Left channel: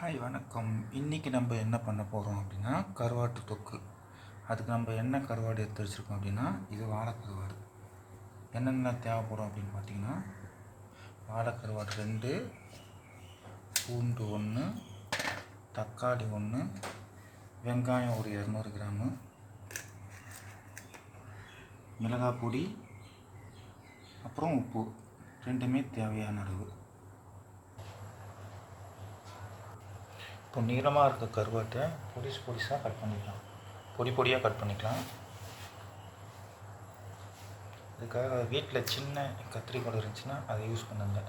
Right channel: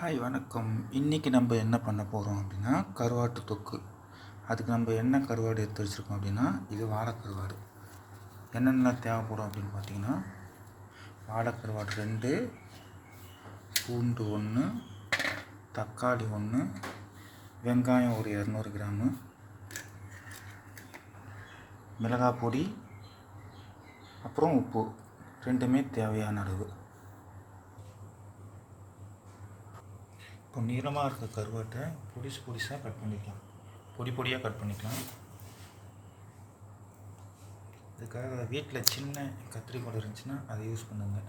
Hi வணக்கம். இன்றைக்கி நம்ம என்ன பண்ண போகிறோம் அப்படின்னா கருவாட்டு தொக்கு. அதுக்கு நம்ம என்ன கருவாடு எடுத்து வச்சுருக்கோம் அப்படின்னா இது வாழைக்கருவாடு. என்னென்ன தேவைப்படும் அப்படின்னு பார்த்தீங்கன்னா வாழைக்கருவாடு 2, பூண்டு 1, தக்காளி 1, வெங்காயம் ஒரு 200 கிராமு, மிளகாய் பொடி, அப்புறம் உப்பு, ரெண்டுமே தேவையான அளவு. இப்போ நீளமாக இருக்க கருவாட்டை பொடிசாக கட் பண்ணிக்கலாம், பொடியாக கட் பண்ணிக்கலாம். இதுக்காக வீட்டில் சின்ன கத்திரிக்கோல் இருந்துச்சுன்னா அதை யூஸ் பண்ணுங்க.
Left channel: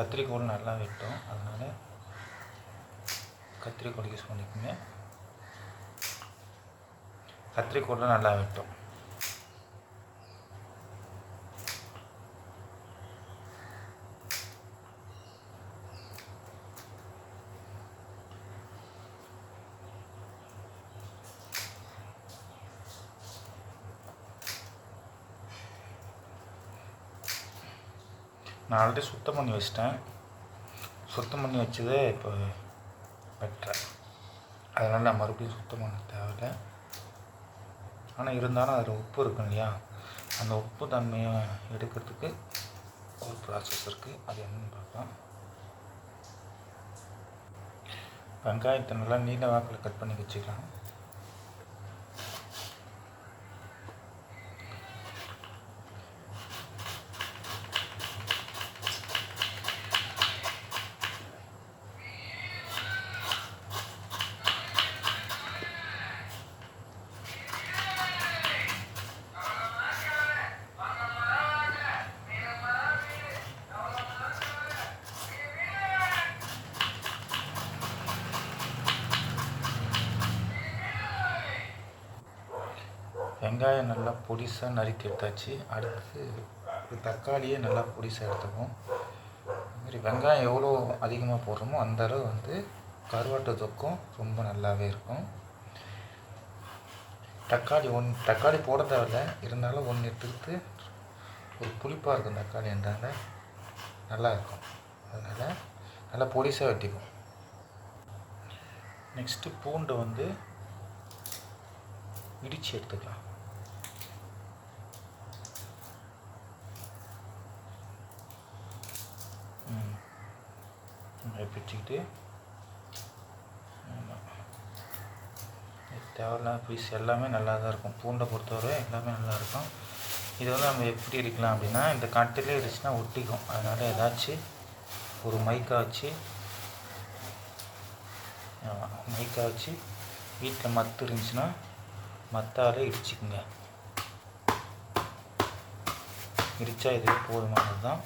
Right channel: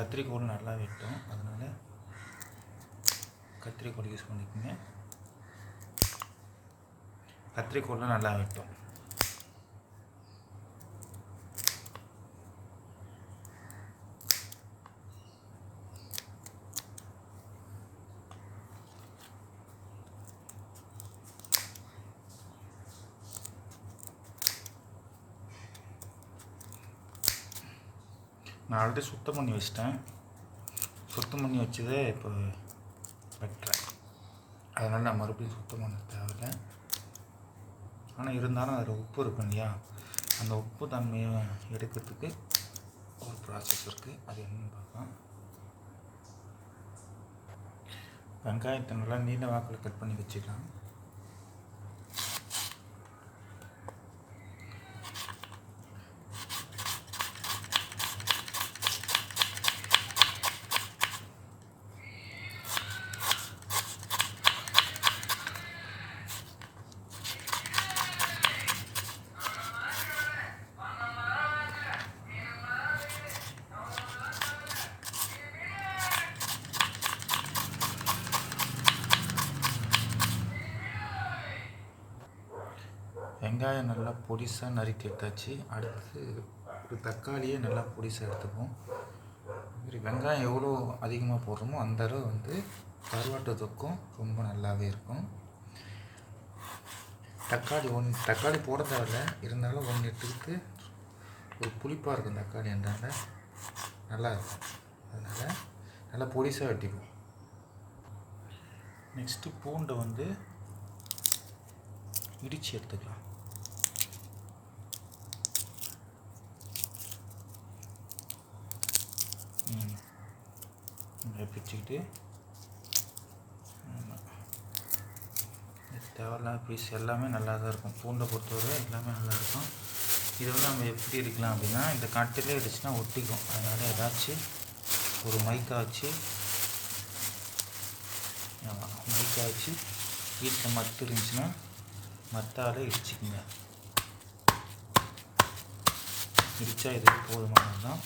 கத்திரிக்கோல் நல்லா வெட்டும், அதனால் கத்திரிக்கோல் யூஸ் பண்ணிக்கோங்க. கத்திரிக்கோலில் நல்லா வெட்டும். நான் ஆல்ரெடி சுத்தம் பண்ணி வச்சிட்டேன். சுத்தம் பண்ணி வச்சதே இப்போ வெட்டுறேன், அதனால் நான் மறுபடியும் சுத்தம் பண்ண தேவையில்லை. ஆனால் இருந்தாலும் அதில் உப்பு இருக்கும் இல்லையா, அந்த உப்பு தன்மையை எடுக்கிறதுக்கு ஒரு ப்ராசஸ் இருக்குது. அது என்னென்னு பார்க்கலாம். வெங்காயத்தை நல்லா நீல வாக்கில் கட் பண்ணி வச்சுக்கலாம். வெங்காயம் நல்லா பொடிசாக நறுக்கி எடுத்தாச்சு. அடுத்து ஒரு தக்காளியை நல்லா பொடிசாக எடுத்துப்போம். இதுமாதிரி வெங்காயம் எவ்வளோ அதிகமாக போடுறோமோ அந்த அளவு கருவாட்டு தொக்கும் ரொம்ப நல்லாவே இருக்கும். தக்காளி போட தேவையில்லை, இருந்தாலும் 1 எடுத்துக்கிட்டு ஒரு புளிப்பாக இருக்கும் தக்காளி, என்றால் நல்லாயிருக்கும். அதனால் நல்லா பொடிசாக வெட்டிப்போம். நெக்ஸ்ட்டு பூண்டை இடித்து எடுத்துக்கலாம். பிடிச்சிக்கிட்டு தேவையில்லாத பீஸ் எல்லாமே நல்லா தான் இருக்கும். பூண்டை பொறுத்தவரை எல்லாமே நல்லாயிருக்கும். இது நம்ம எப்படி இடிக்கலாம் அப்படின்னா, இந்த கட்டிலே இடிச்சுன்னா ஒட்டிக்கும். அதனால் ஏதாச்சும் ஒரு மைக்கா வச்சு வீட்டில் மத்து இருந்துச்சுன்னா மத்தாலே இடிச்சிக்குங்க. இடித்தா இதே போதுமானது தான்.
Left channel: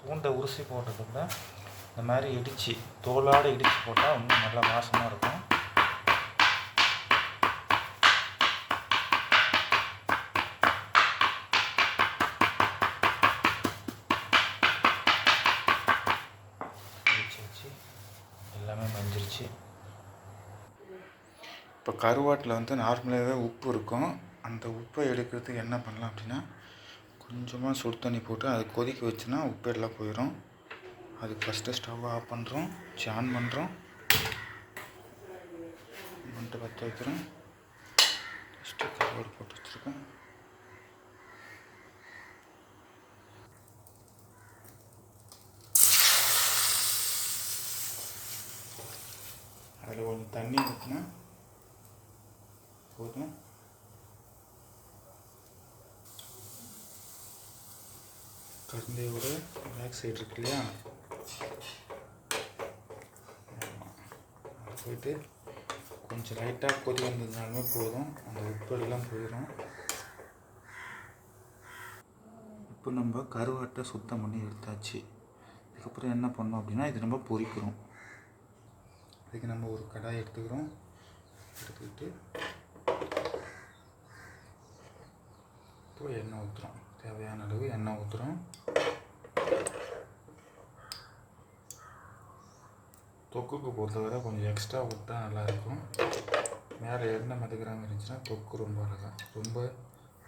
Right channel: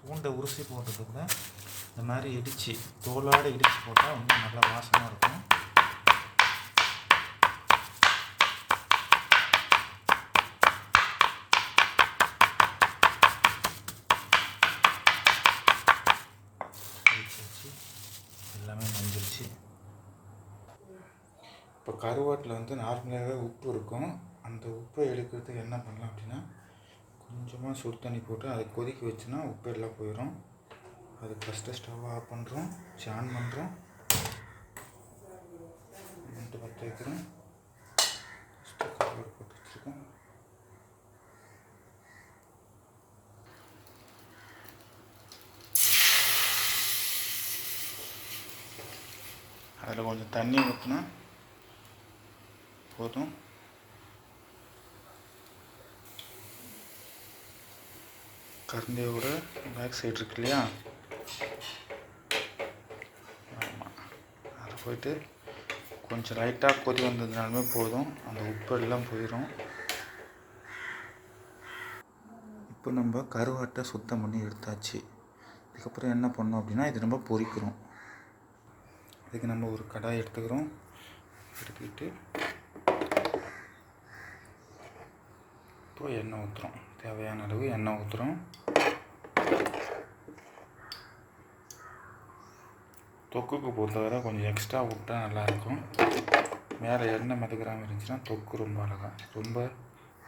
பூண்டை உரிசி போட்டதுக்குள்ள இந்த மாதிரி இடித்து தோலோடு இடித்து போட்டால் இன்னும் நல்லா வாசமாக இருக்கும். எல்லாமே வந்துருச்சு. இப்போ கருவாட்டில் நார்மலாகவே உப்பு இருக்கும். அந்த உப்பை எடுக்கிறதுக்கு என்ன பண்ணலாம் அப்படின்னா, கொஞ்சமாக சுடு தண்ணி போட்டு அதை கொதிக்க வச்சுன்னா உப்பு எல்லாம் போயிடும். அதுக்கு ஃபஸ்ட்டு ஸ்டவ் ஆஃப் பண்ணுறோம், ஆன் பண்ணுறோம், பற்ற வைக்கிறோம். ஃபஸ்ட்டு கருவாடு போட்டு வச்சுருக்கேன். அதில் கொஞ்சம் தண்ணி ஊற்றினா போதும். கருந்தையோட பேக் சைடு இருக்கு இல்லையா, ஆமாம், அது போயிட்டு கொஞ்சம் லைட்டாக கொதி வந்ததுனாலுமே போதும், அந்த உப்பு எல்லாம் போயிடும். இப்போ நம்ம கருவாட்டை சுத்தம் பண்ணி எடுத்தாச்சு. இதுக்கப்புறம் என்ன பண்ணோம் அப்படின்னா, இது நம்ம பொரிக்கிறோம். இதுக்கு நம்ம ஒரு கடாய் எடுத்துக்கிறோம். எடுத்துக்கிட்டு இப்போ எண்ணெய் ஊற்றுறோம். தேவையான அளவு எண்ணெய் ஊற்றுறோம். தொக்குக்கு பொறுத்தவரை கொஞ்சம் எக்ஸ்ட்ரா விட்டால் நல்லாயிருக்கும். மேலே எண்ணெய் மிதக்கிறாமல் இருந்துச்சுன்னா தொக்கு ரொம்ப அழகாக ரொம்ப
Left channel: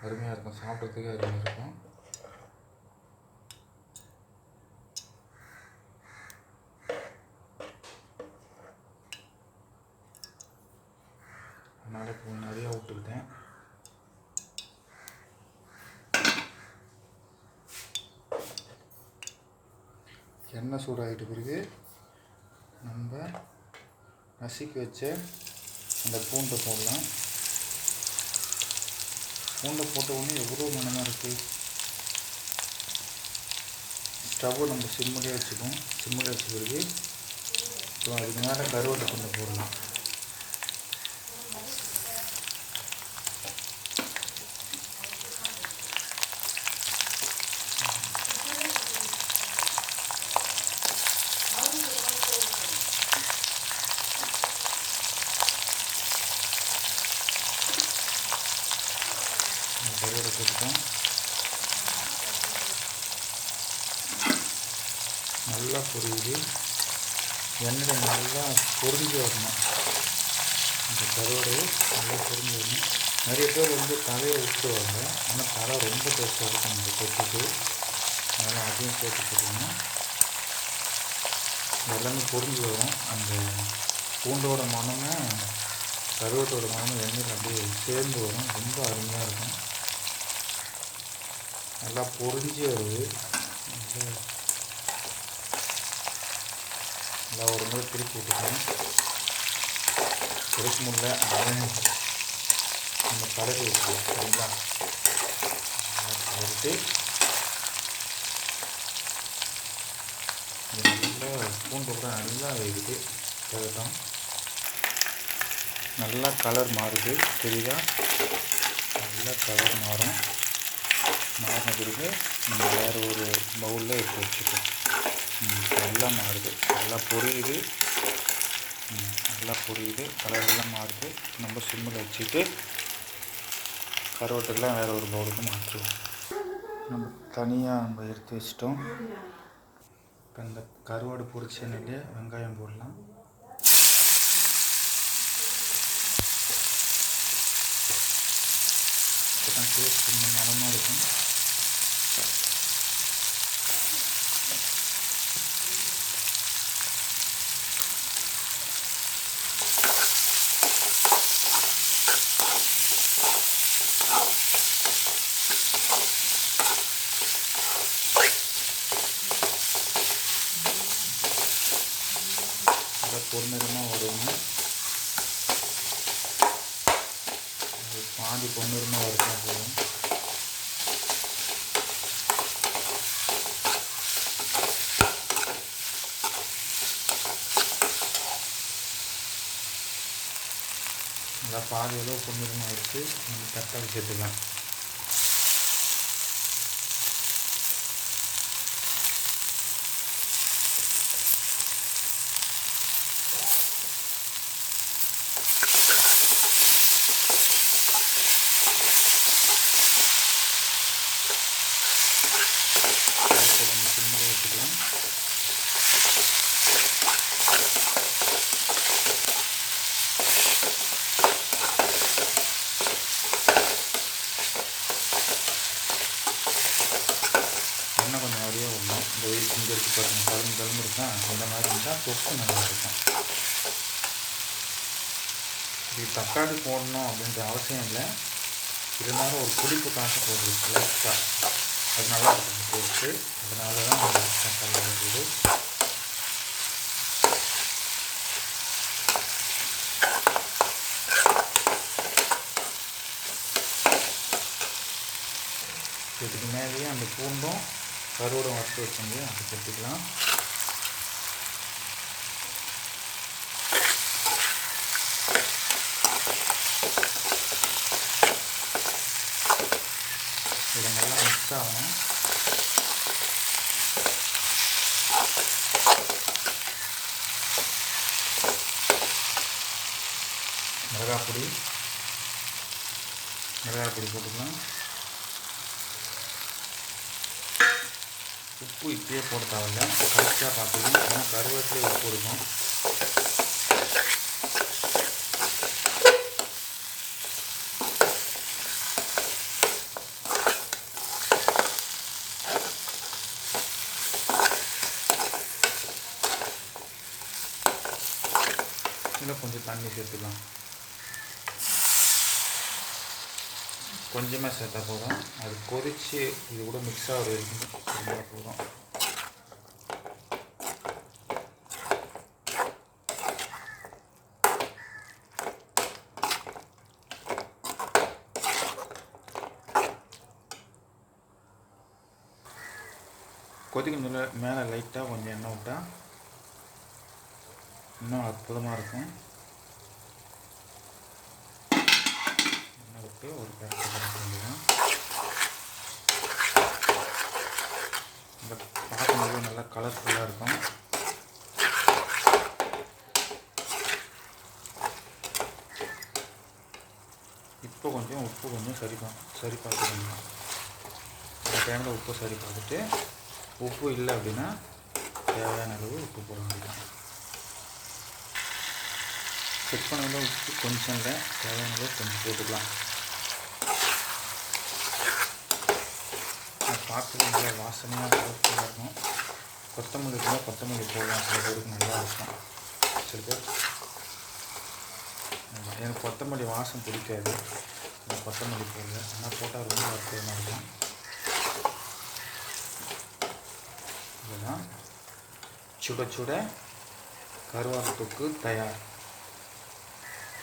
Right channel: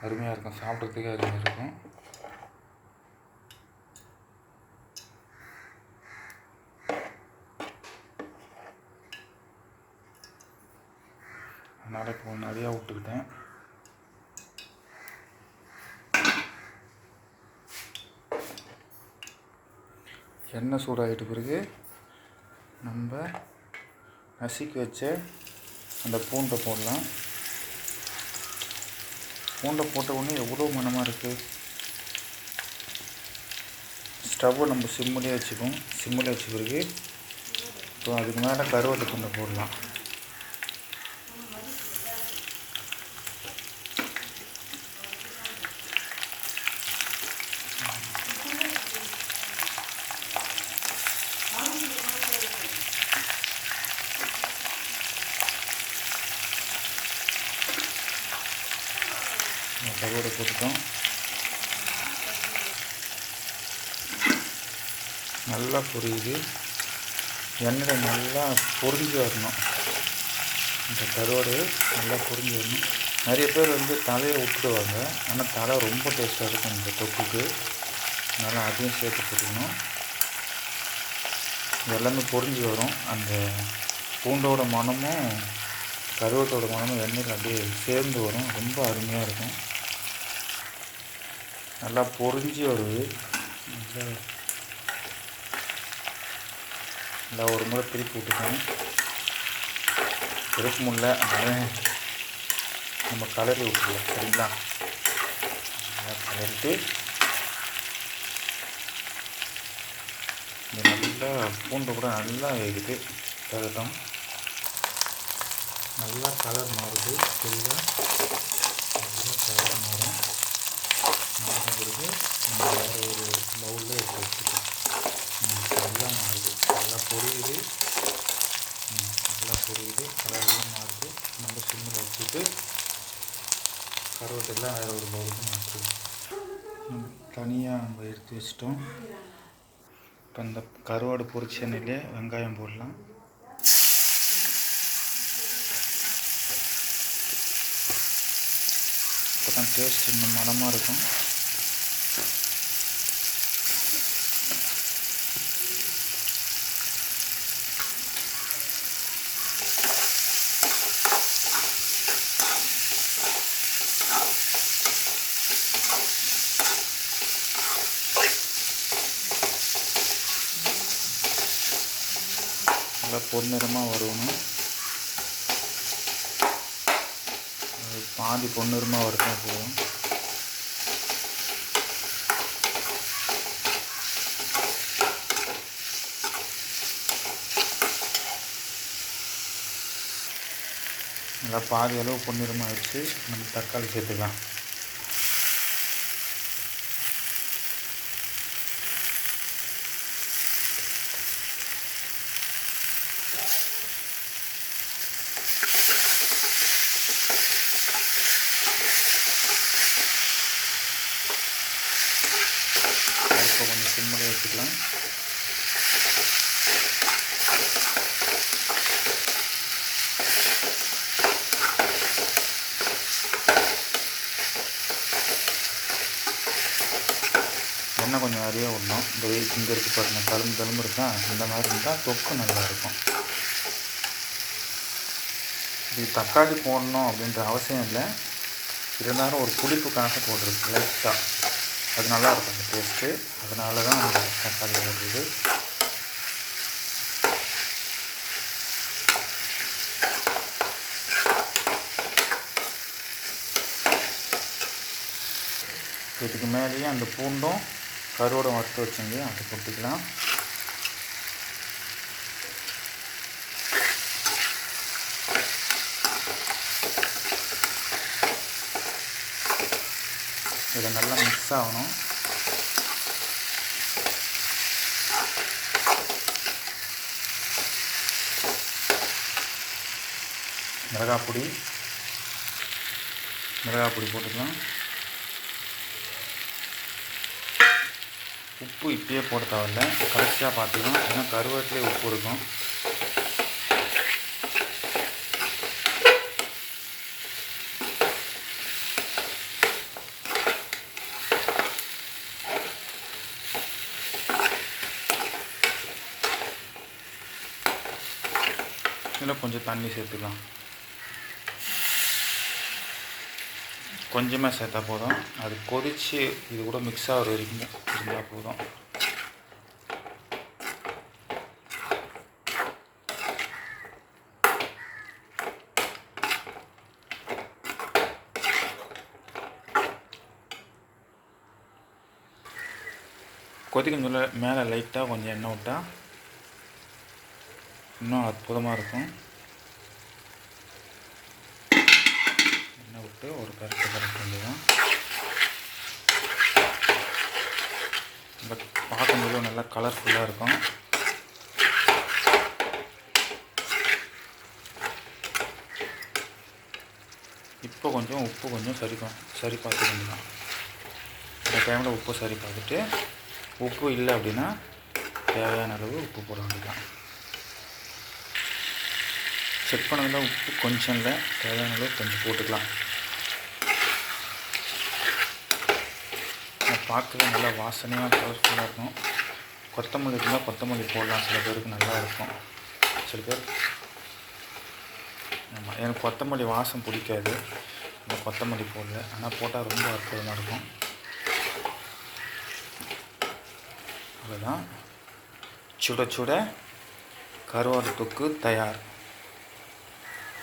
அருமையாக இருக்கும், சாப்பிட்றதுக்கே அருமையாக இருக்கும். அதனால் இப்போ நிறையா விட்டுக்கிட்டேன். எண்ணெய் சூடாகிட்ட பிறகு நம்ம நசுக்கி வச்ச அந்த பூண்டை போடலாம். பூண்டை போட்ட உடனே எவ்வளோ மணமாக இருக்குது. ஸ்டவ்வை நம்ம சிம்மிலே வச்சுக்கோம். சிம்மில் வச்ச பிறகு இப்போ அதுக்கு மேலே கருவேப்பிலை துண்டை போடலாம். கருவேப்பிலை போட்டுட்டோம். நல்லா பொரியுது. எண்ணெயில் நல்லா பொரிஞ்சு வரணும். இந்த கருவாடு நல்லா பொரிஞ்சு வரணும். நிறைய பேர் தலையை விட்டுடுவாங்க, ஆனால் தலை ரொம்ப டேஸ்ட்டாக இருக்கும் இந்த தொக்குக்கு. அதனால் அதையும் சேர்த்து போட்டுக்கணும். எல்லாமே பொரிஞ்சு வரும். அந்த பூண்டோட மணமும் கருவேட்டோட மணமும் எண்ணெயில் அப்படியே சேர்ந்து வரும். ரொம்ப அருமையாக இருக்கும். நல்லா பொரிஞ்சு வருது. நல்லா ஒரு முறை திருப்பி விட்டுக்கணும். திருப்ப முடியல அதனால நம்ம கலரி விட்டுருவோம். சரிங்களா? கலரிட்டு இது நல்லா பூண்டு கூட நல்லா வேகுது. கலட்டும். நல்லா கலர் மாறுது. தெரியுதா? நல்லா கலர் மாறும். மாறின பிறகு நம்ம வேறு ஒரு பவுலில் எடுத்து வச்சுக்கோம். நல்லா மாறுது, நல்லா பொரியுது. நல்லா பொரியுது, கலரெல்லாம் மாறுது. நம்ம சிம்மில் வச்சுட்டு கருவேட்டெல்லாம் வேறு ஒரு பவுலுக்கு மாற்றுவோம். நம்ம தனியாக நம்ம எடுத்து வச்சிட்டோம். இப்போ இந்த கருவாடு பொரிச்ச எண்ணெயிலே வெங்காயம் போடலாம். இப்போ தான் டேஸ்ட் இன்னும் மனமாக இருக்கும். நல்லா பொன்னிறமாக வருவோம். பாதி பொன்னிறமாக வறுத்தா போதும். நல்லா பாதி அளவு பொன்னிறமாக எடுத்து நம்ம தக்காளி சேர்த்துக்கலாம். இப்போ கொஞ்சம் சிம்மில் வச்சுக்கலாம். எண்ணெய் கொஞ்சம் நிறைய விடணும். இந்த இங்கே இருக்குது பாருங்கள், தழும்பு இருக்கா, இந்த மாதிரி இருந்தால் தொக்கு நல்லா இருக்கும். இது தக்காளி போடணும் அப்படின்ற அவசியம் இல்லை. இருந்தாலும் ஒரு புளிப்புக்காக போட்டுருக்கு லைட்டாக. அது நல்லாயிருக்கும் அந்த டேஸ்ட்டு. அதனால தான் தக்காளி போடுறது. இதுக்கு மேலேயே அந்த பூண்டும் கருவோடு வறுத்து வச்சுங்க, அதை போட்டுக்கலாம். இதை நல்லா மிக்ஸ் ஆகணும். மிளகாய் பொடி போட்டுக்கலாம். உப்பு இப்பயே போட தேவையில்லை, கரெக்டாக பார்த்துக்கலாம். ஏன்னா கருவேப்பிலையே உப்பு இருக்கும். இதில் கொஞ்சம் தண்ணி சேர்த்துக்கலாம். கொஞ்சமாக சேர்த்தா போதும். அது கொதித்து இது கூட மிக்ஸ் ஆகிற வரைக்கும் இருந்தால் போதும். கொதிக்கும் சொல்ல மேலே லைட்டாக கொஞ்சம் எண்ணெய் விட்டால் இன்னும் அற்புதமாக இருக்கும். எண்ணெய் விட்டு ஒரு கரெக்டாக கரெக்ட் வேண்டியதான். பட் பார்க்கும்போது நல்லா கலர்ஃபுல்லாக இருக்கும். இப்போ கொஞ்சம் உப்பு கொஞ்சம் சரி பார்த்துக்கணும். இந்த டைமில் உப்பு சரி பார்த்துட்டு, உப்பு இல்லை அப்படின்னா தேவையான அளவு உப்பு போட வேண்டியதான். செக் பண்ணுங்கள், உப்பு கொஞ்சம் இல்லை, தேவையான அளவு கொஞ்சம் போட்டுக்கலாம். பார்க்கவே நல்லா வாசனையாக கலர்ஃபுல்லாக இருக்கும். கொத்தமல்லி இருந்தால் கொத்தமல்லி போடலாம், சில பேருக்கு நல்லா இருக்கும். சில பேர் எனக்கு கொத்தமல்லி வாசம் பிடிக்காது, இந்த கொத்தமல்லி போடல. ஆனால் போட்டால் ரொம்ப அற்புதமாக இருக்கும். அவ்வளோதான், சுட சுட கருவாட்டு தொக்கு தயார்.